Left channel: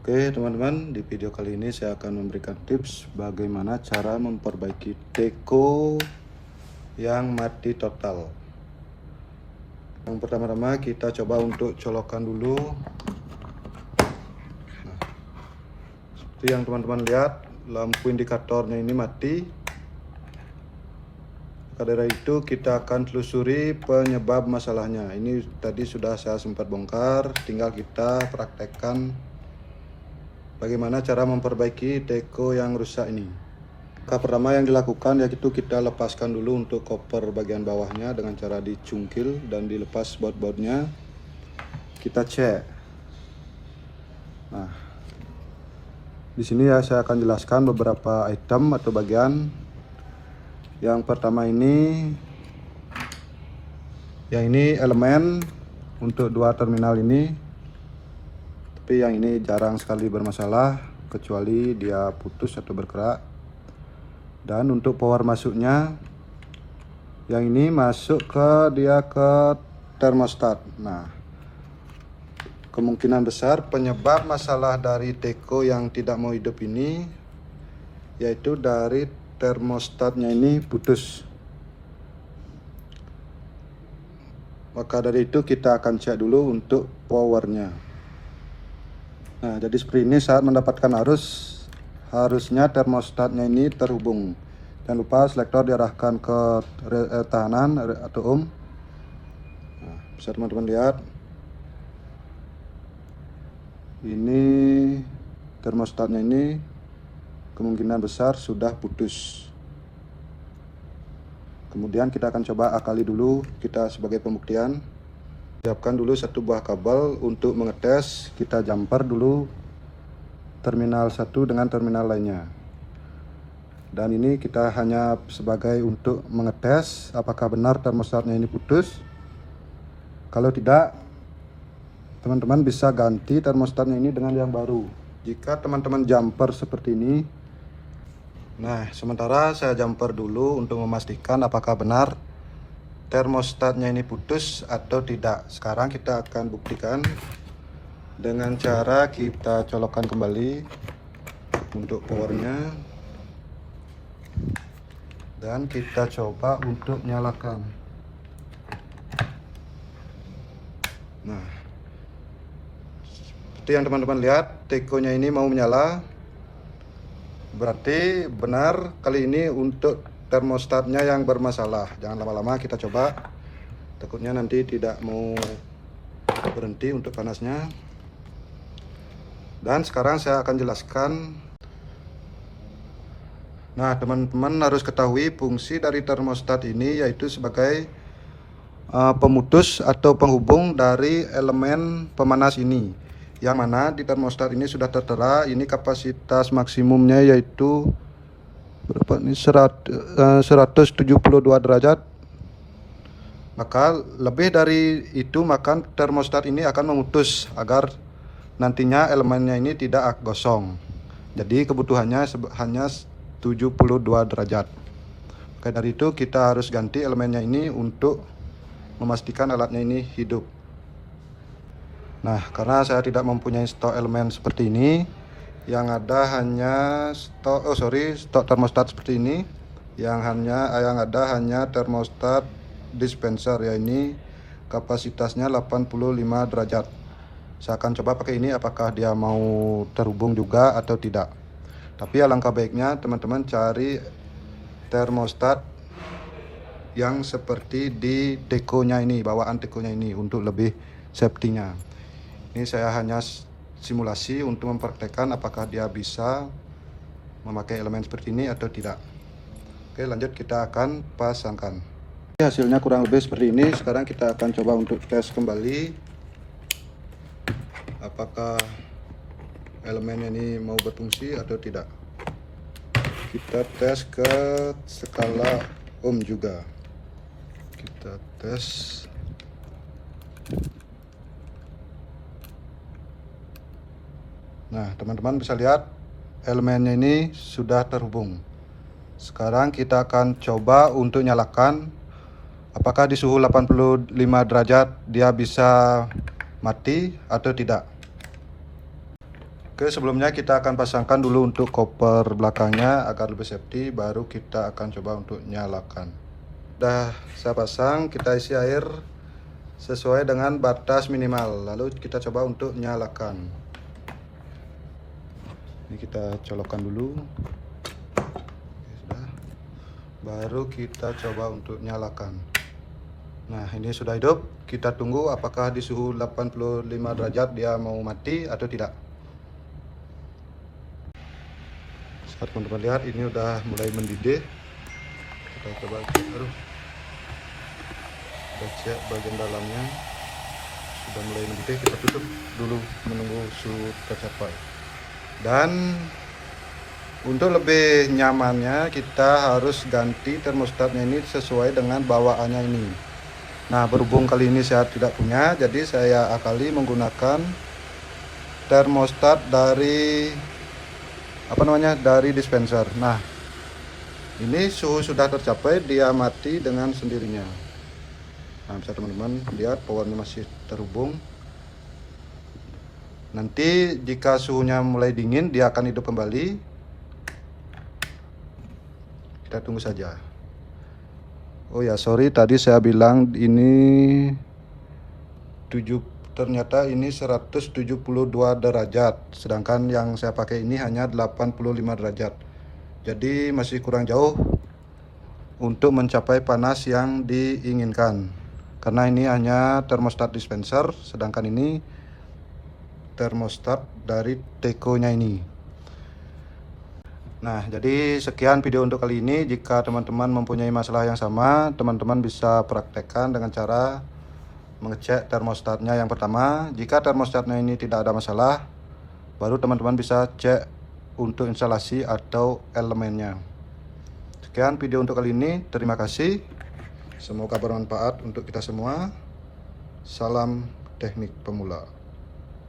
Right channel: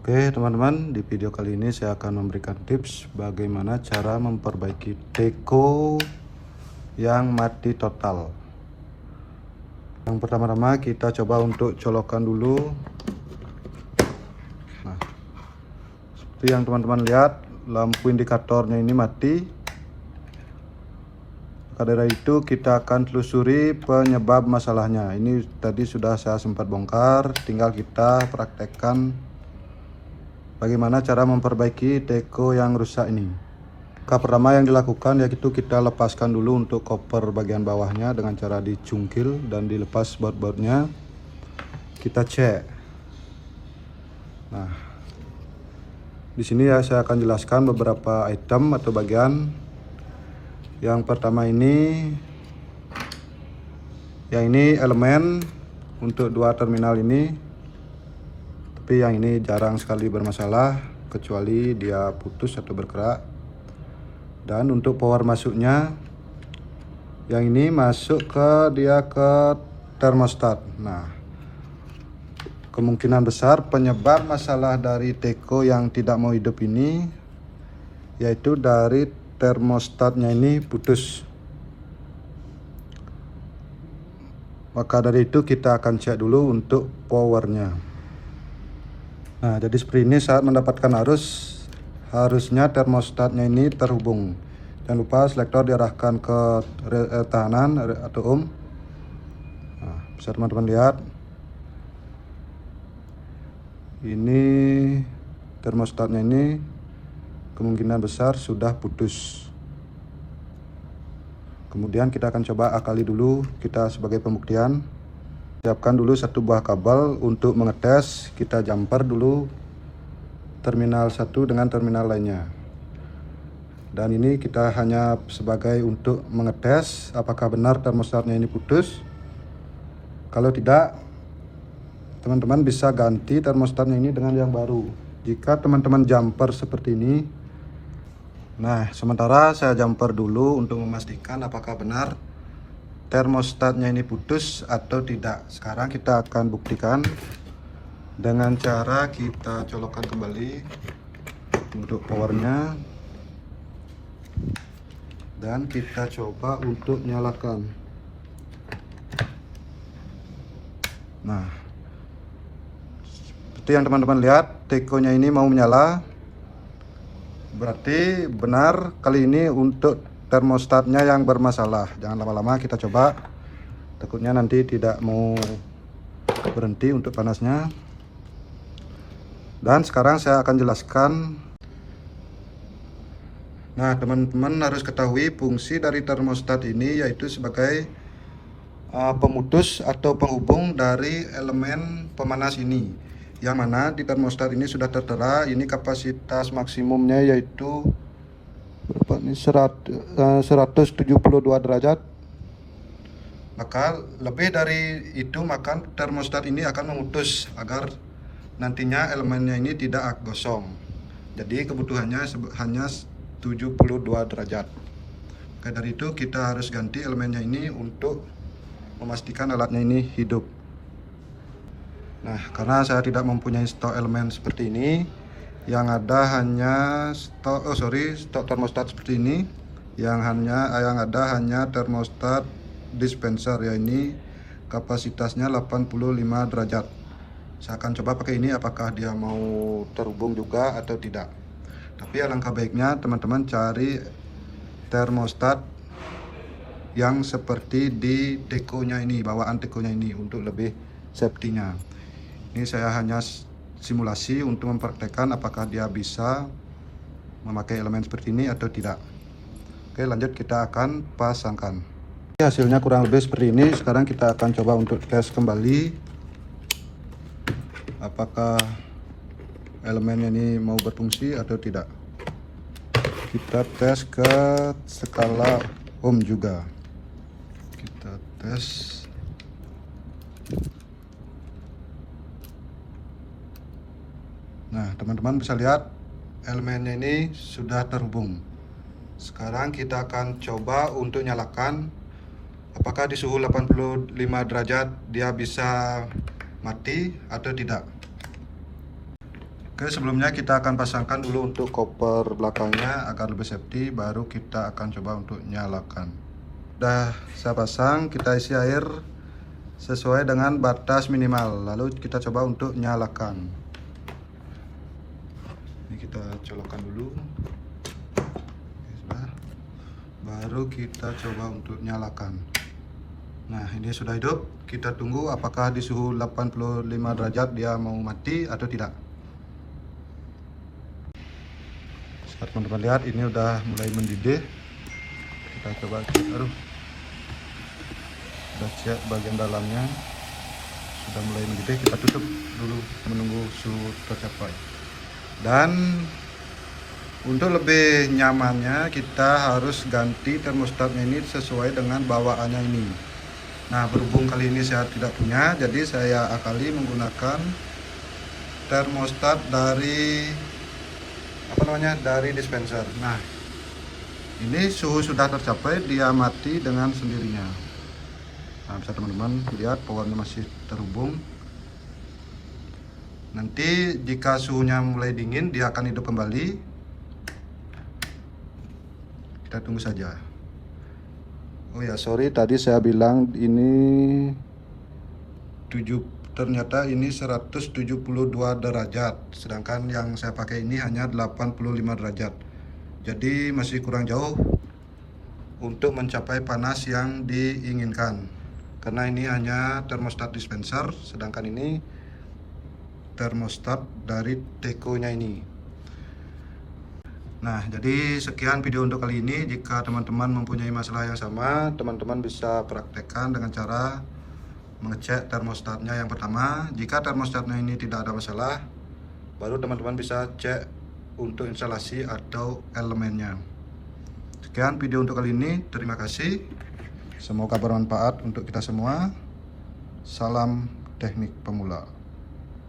Oke teman-teman, di video kali ini saya akan memberikan tips bagaimana cara memperbaiki teko yang mati total. Yang pertama-tama kita coba untuk colokan dulu. Nah, seperti yang teman-teman lihat, lampu indikatornya ini mati. Maka dari itu kita akan telusuri penyebab masalahnya. Ini tadi sudah saya sempat bongkar, tinggal kita praktekkan bagaimana cara memperbaiki teko yang rusak ini. Langkah pertama yang dilakukan yaitu kita lepaskan dulu untuk koper bagian bawahnya dengan cara dicungkil dan dilepas baut-bautnya. Kita cek. Nah, di sini ya saya akan jelaskan beberapa item atau bagian. Yang pertama ini, yang ini elemen untuk dua terminal ini. Tapi yang ini jarang sekali bermasalah kecuali dia putus atau berkerak. Dan untuk power masuknya, yang ini masuk ke termostat. Nah, kemungkinan besar penyebab masalah dari teko yang tidak mau hidup ini yaitu dari termostatnya ini putus. Maka dari itu kita akan cek dulu untuk powernya. Nah, jadi seperti ini saat mendapatkan arus, harusnya termostatnya ini terhubung. Jangan lupa selektor diarahkan ke tahanan atau ohm. Nah, bisa teman-teman lihat. Ini termostatnya ini kemungkinan besar sudah putus. Kemudian kita akan coba akali dulu, kita sebagai pembuktian. Siapkan dulu satu buah kabel untuk mengetes. Kita jumper dulu terminal satu dengan terminal lainnya. Dan ini kita hanya sebagai untuk mengetes apakah benar termostatnya ini putus. Kalau tidak, teman-teman bisa ganti termostatnya ini dengan yang baru. Jika teman-teman jumper seperti ini. Nah, sementara saya jumper dulu untuk memastikan apakah benar termostatnya ini putus atau tidak. Sekarang kita akan buktikan dengan cara kita colokkan kembali untuk powernya dan kita coba untuk nyalakan. Nah, seperti yang teman-teman lihat, tekonya ini mau menyala. Berarti benar kali ini untuk termostatnya yang bermasalah. Jangan lama-lama, kita coba. Takutnya nanti tidak mau berhenti untuk panasnya. Dan sekarang saya akan jelaskan. Nah, teman-teman harus ketahui fungsi dari termostat ini yaitu sebagai pemutus atau penghubung dari elemen pemanas ini. Yang mana di termostat ini sudah tertera, ini kapasitas maksimumnya yaitu berapa ini 172 derajat. Maka lebih dari itu maka termostat ini akan memutus agar nantinya elemennya ini tidak gosong. Jadi kebutuhannya hanya 72 derajat. Maka dari itu kita harus ganti elemennya ini untuk memastikan alatnya ini hidup. Nah, karena saya tidak mempunyai stok elemen seperti ini, yang ada hanya stok termostat seperti ini. Yang ada hanya termostat dispenser, ya ini kapasitasnya 85 derajat. Saya akan coba pakai ini apakah dia mau terhubung juga atau tidak. Tapi alangkah baiknya teman-teman cari termostat yang seperti di tekonya ini, bawaan tekonya ini untuk lebih safety-nya. Ini saya hanya simulasi untuk mempraktekkan apakah dia bisa memakai elemen seperti ini atau tidak. Oke, lanjut kita akan pasangkan. Hasilnya kurang lebih seperti ini. Sekarang kita akan coba untuk tes kembali apakah elemennya ini mau berfungsi atau tidak. Kita tes ke skala ohm juga. Kita tes. Nah, teman-teman bisa lihat elemennya ini sudah terhubung. Sekarang kita akan coba untuk nyalakan. Apakah di suhu 85 derajat dia bisa mati atau tidak. Oke, sebelumnya kita akan pasangkan dulu untuk koper belakangnya agar lebih safety, baru kita akan coba untuk nyalakan. Udah saya pasang, kita isi air sesuai dengan batas minimal, lalu kita coba untuk nyalakan. Ini kita colokkan dulu. Oke, sudah. Baru kita coba untuk nyalakan. Nah, ini sudah hidup. Kita tunggu apakah di suhu 85 derajat dia mau mati atau tidak. Seperti teman-teman lihat, ini udah mulai mendidih. Kita coba cek. Kita cek bagian dalamnya sudah mulai mendidih. Kita tutup dulu menunggu suhu tercapai. Dan untuk lebih nyamannya kita harus ganti termostatnya ini sesuai dengan bawaannya ini. Nah, berhubung kali ini saya tidak punya, jadi saya akali menggunakan termostat dari dari dispenser. Nah, ini suhu sudah tercapai, dia mati dengan sendirinya. Nah, bisa teman-teman lihat powernya masih terhubung. Nanti jika suhunya mulai dingin, dia akan hidup kembali. Kita tunggu saja. Oh ya, sorry tadi saya bilang ini ternyata ini 172 derajat, sedangkan yang saya pakai ini hanya 85 derajat. Jadi masih kurang jauh untuk mencapai panas yang diinginkan. Karena ini hanya termostat dispenser, sedangkan ini termostat dari Teco-nya ini. Nah, jadi sekian video untuk kali ini. Jika teman-teman mempunyai masalah yang sama, teman-teman bisa praktekkan dengan cara mengecek termostatnya yang pertama. Jika termostatnya ini tidak ada masalah, baru teman-teman bisa cek untuk instalasi atau elemennya. Sekian video untuk kali ini. Terima kasih. Semoga bermanfaat untuk kita semua. Salam teknik pemula.